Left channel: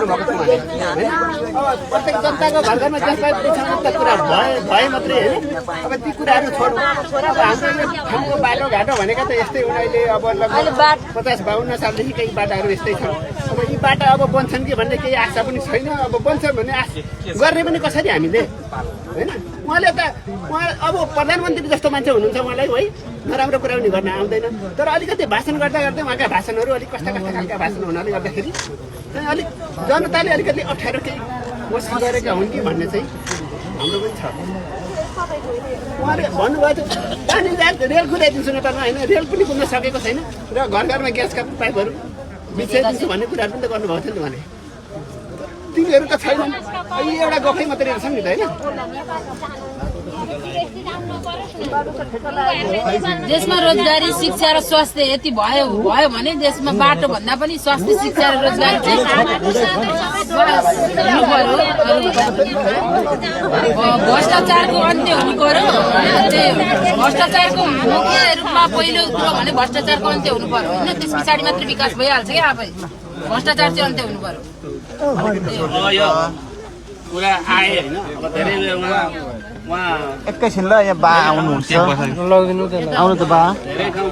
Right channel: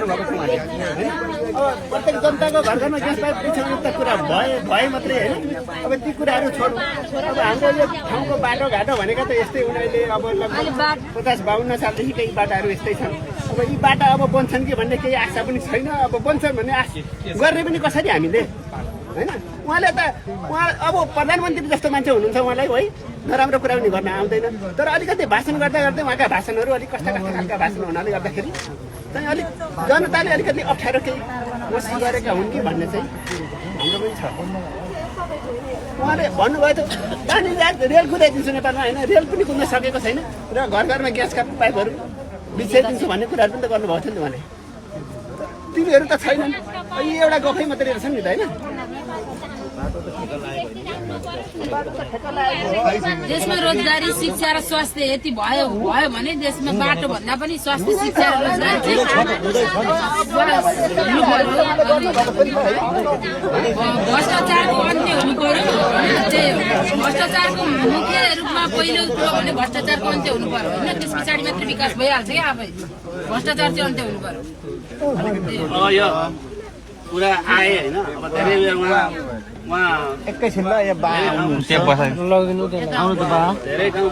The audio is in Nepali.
अब प्रत्येक जनताको घर घरमा जसलाई बिछाउने त कुरा भए मात्रै होइन। अब ती कुराहरू छोडौँ। अब हाम्रो यो ठाउँको बाटोघाटो भनेका त यस्तै हुन्। अहिले अब लगभग 50-52 सालदेखि केही बाटाहरू यस्तै छन्। अब यी बाटा अब बन्छन् कि भन्ने केही आशा पनि छैन। अब बन्छन् भन्ने आश गर्ने पनि कसरी हामीले होइन। उहाँ अब प्रधानमन्त्री जस्तो मान्छे हुनुहुन्छ उहाँलाई है, नराम्रो कुरा पनि गर्न आउँदैन। तर अलिकति भाषण गर्दा गर्दै उहाँका भाषणहरू अलिक कस्ता खालका भाषण हुनाले गर्दाखेरि चाहिँ अलिक जनताले अलिकति अप्ठ्यारो केही कोसिस गरेका हुन् कि भन्ने चाहिँ हाम्रो पनि छ। उहाँले भन्नुभयो त पानी रेल कुदाइदिन्छु नेपालमा होइन, रेल पनि कुद्न सकेको छैन र घर घरमा ग्यासका पाइपहरू बिछाइदिन्छु भन्ने कुराहरू पनि त गर्नुभएको थियो नि त उहाँले। तिनीहरू त छैनन्। यी एउटा गफै मात्रै रहेछन् नि त होइन। देशमा रोजगारी, शिक्षा र स्वास्थ्य यति भयो भने देशमा बाटो भन्दा पनि स्वास्थ्य, शिक्षा र रोजगारी चाहिँ भ्रष्टाचारको अन्त्य हुनु पर्यो। भ्रष्टाचारको मुख्य रूपमा पहिलो कुरो भने भ्रष्टाचारको अन्त्य हुनु पर्यो होइन। त्यस पछाडि मात्रै विकास भइहाल्छ क्या। आफै भ्रष्टाचार चाहिँ अन्त्य हुनु पर्यो। अब यो कुरा आए होइन। अब धेरै बेरमा उहाँ एकैछिन ल यहाँ बा आउनुहुन्छ आउनु त बा धेरै ठाउँ